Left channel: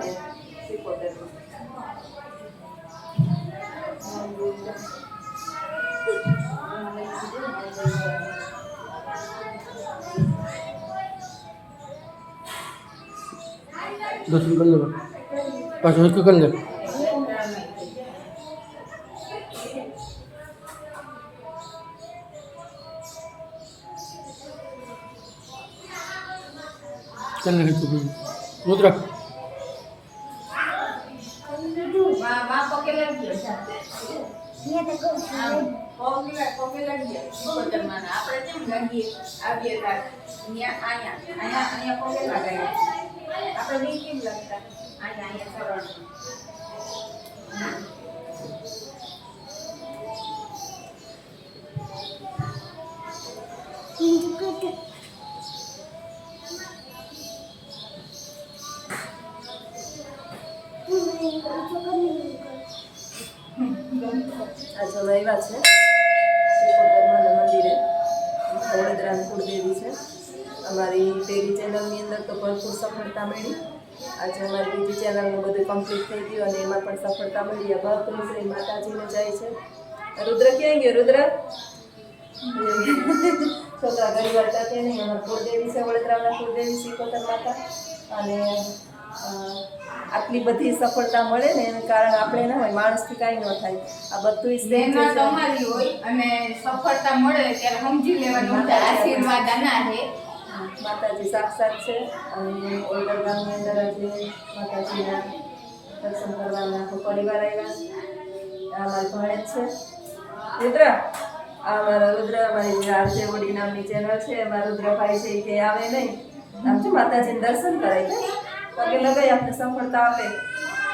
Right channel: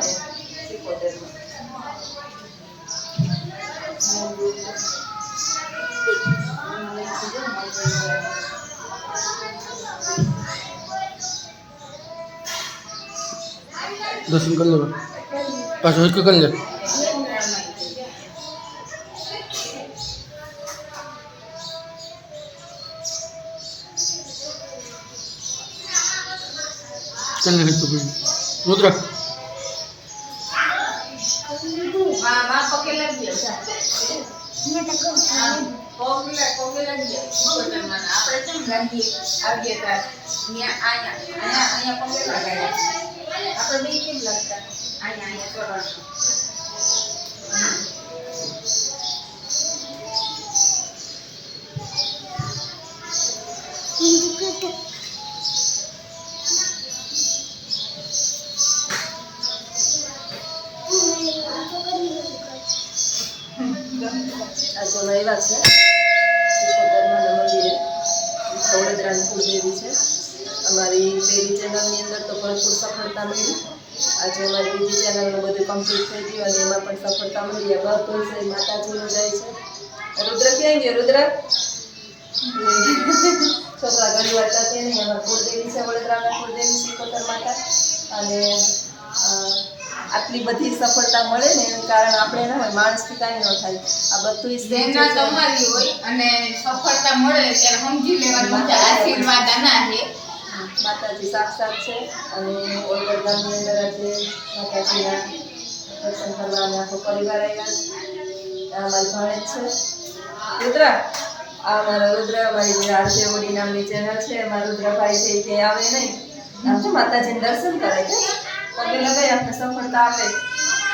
આવે 77 दर्शन कर ले पास कर ले चलने है तो रुद्र આજે આવ્યા છે સિકોતરમાના મંદિરે વડોદરાની કુળદેવી છે અમારી પહેલી ચેનલની અંદર તો ભરપૂર સફળતા મળી આજે અમારી બીજી ચેનલનું બધું કમ્પ્લીટ થઈ ગયું અને એમાં પણ સફળતા મળી બધું શ્રી માતાજીનું જાય છે રુદ્ર ક્યાં ગયો રુદ્ર છોકરા ઘણી વાર તકે નહીં અમારી કુળદેવી છે વડોદરાના કુળદેવી સિકોતર માતા અને આટલી બધી સફળતા મળે ને એનું કારણ આપણે ન હોય માણસથી કાંઈ ન થાય આ બધું મહેનત તમારી હોય અને સફળતા મળે ત્યારે સમજી લેવાનું કે આશીર્વાદ આના છે માતાજી સાક્ષાત છે અને ઓલગઢ ગામની અંદર આજે માતાજીના દર્શન કરવા અને આખો પરિવાર આવ્યા આ મારી ભાણેજ છે રુદ્ર આ મારા રુદ્ર મારી આરજે ઓડી નામની ચેનલ છે મારા રુદ્રભાઈ છે કે આવે નહીં આમ જો માતાજીને દર્શન કરે કે પગે લગાઈ આપણે સફળતા આપે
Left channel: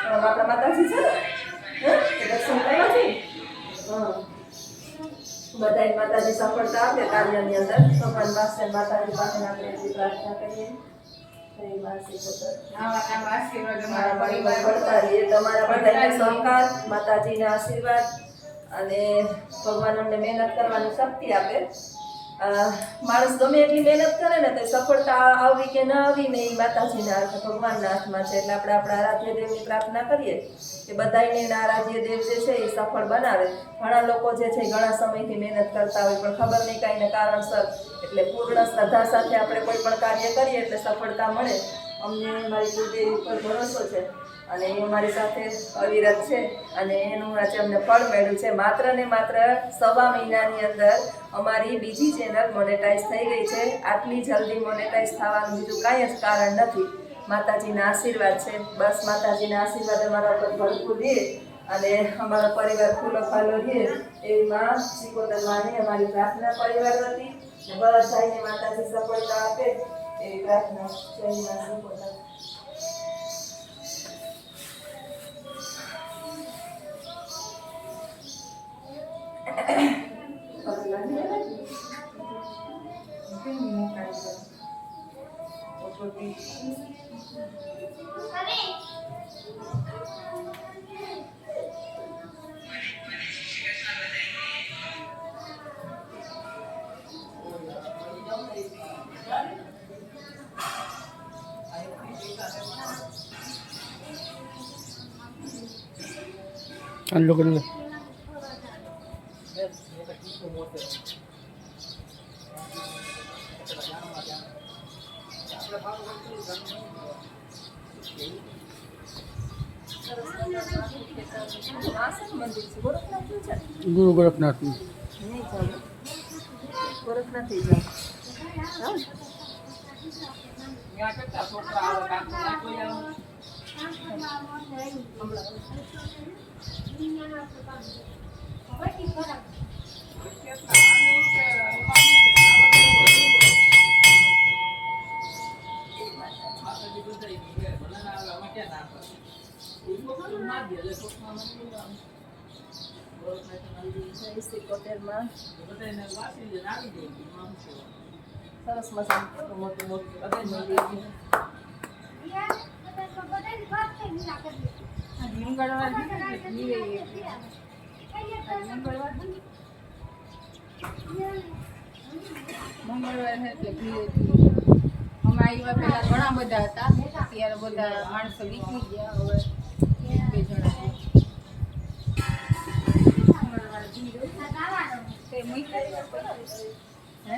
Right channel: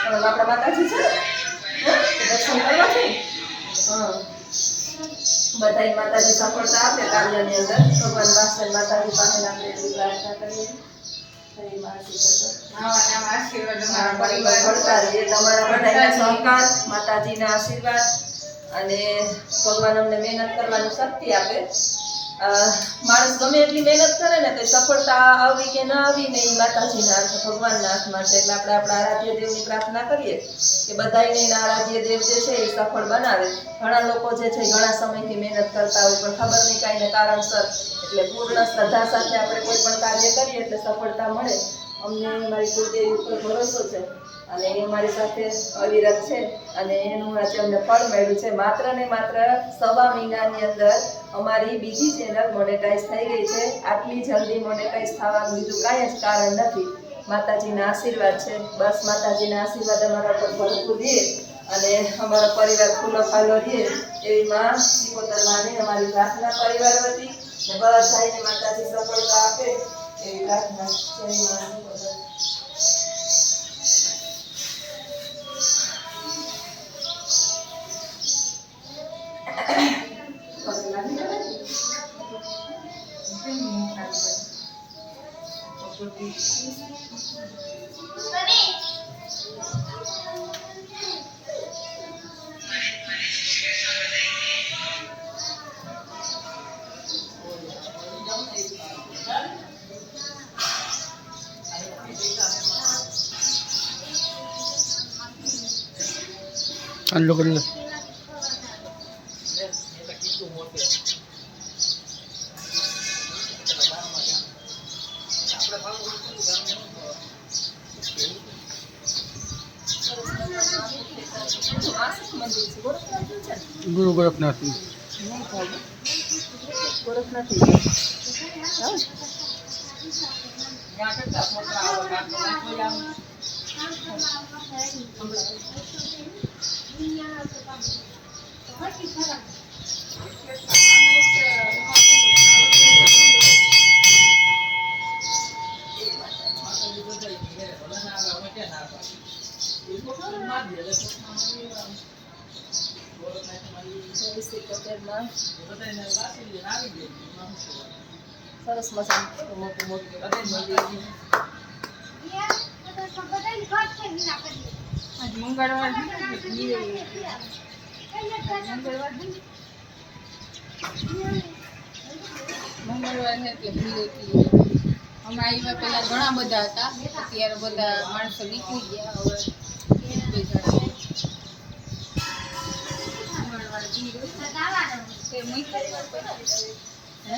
આપણા માતાજી છે દર્શન કરવા છે બધાય માતાજી સફળતા આપે કાર્યની અંદર ભગવાન પાસે માતાજી પાસે આપણે એટલી પ્રાર્થના કરીએ આશીર્વાદ અમારા પરિવાર પડતા રહીએ તમારા બધાના સહકાર માતાજીના આશીર્વાદ અને ભગવાન અમને મહેનત કરવાની શક્તિ આપે માણસ ગમે એટલી મહેનત કરે ને તો સફળતા આવી કે ન આવી ને એ માતાજીના હાથ ભગવાનના હાથમાં છે એટલે આપણે આપણા આરાધ્ય દેવની પ્રાર્થના કરીએ કે બધાને એના આરાધ્ય દેવ જે છે એ સફળ બનાવે ઘણા લોકો જે છે ઘણા સમયથી મહેનત કરતા હોય પણ ખબર નહીં કાંઈ ને કારણસર એટલે પૂર્ણ શ્રદ્ધા સાથે આપણે કોઈ પણ કાર્ય કરીએ એટલે સફળતા મળે અમને મારી કુળદેવી ઉપર ભરોસો છે અને એ મારી સાથે અવિરત છે અને એનું આજે અમને ફળ મળ્યું છે માત્ર ને માત્ર 1.5 મહિનાની અંદર અમારી બીજી ચેનલ મોનેટાઈઝ થઈ ગઈ છે આટલી જલ્દી મોનેટાઈઝ થવાનું બીજું કાંઈ જ કારણ નથી માતાજીના આશીર્વાદ છે બસ માતાજીના આશીર્વાદ અમારા ઉપર ભરપૂર રહે અને અમારો પરિવાર ફૂલો ફાલો રહે એવી માં સિકોતરમાને અમારી પ્રાર્થના પરિવાર વતી બધાને માતાજી સફળતા આપે એવી પ્રાર્થના જય માં સિકોતર चालू कर ले गुरु गोरखनाथ સરસ મજાનું મોટું મોટું મંગળવાર મંગળવાર એટલે ભીડ હતી અમે આવ્યા પેલા ઘણા બધા હતા અત્યારે બધા માણસો નીકળી ગયા હવે એક બે જણા તે મૂક્યા હે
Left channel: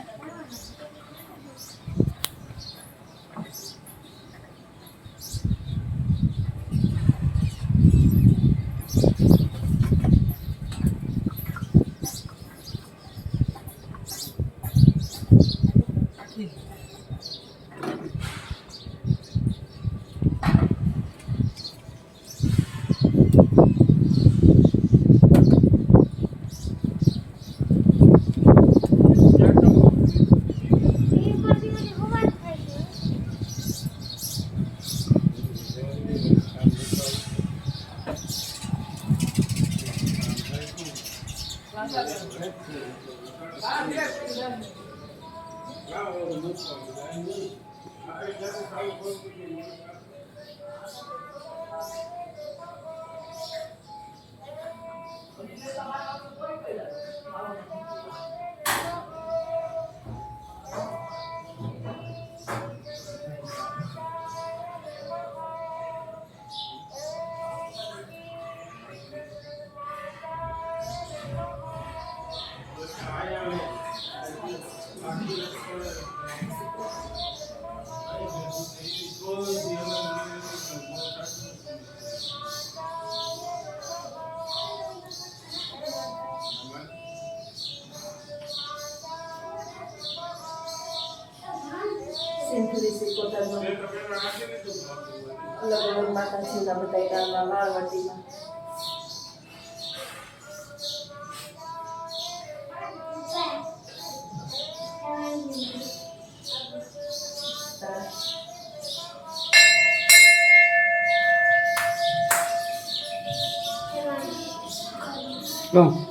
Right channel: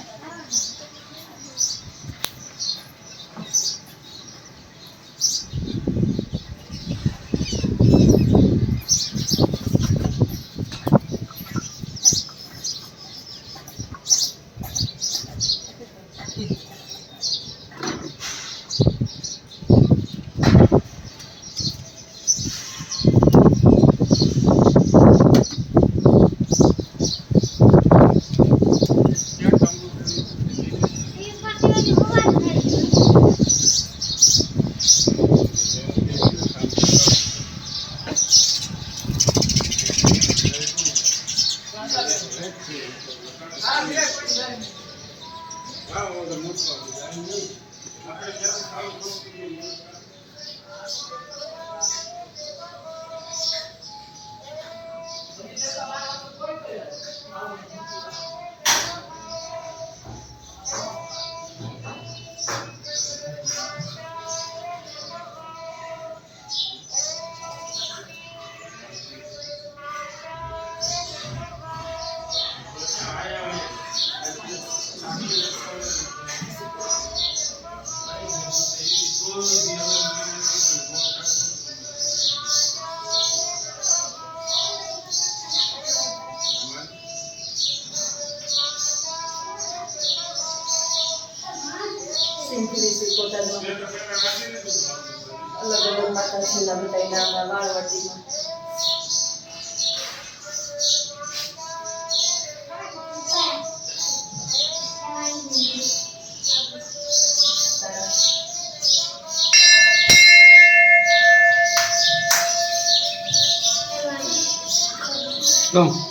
સિંધુરી પોતાનું અલગ અલગ માતાજીના બધા નામ વાળવટીમાં Vamos.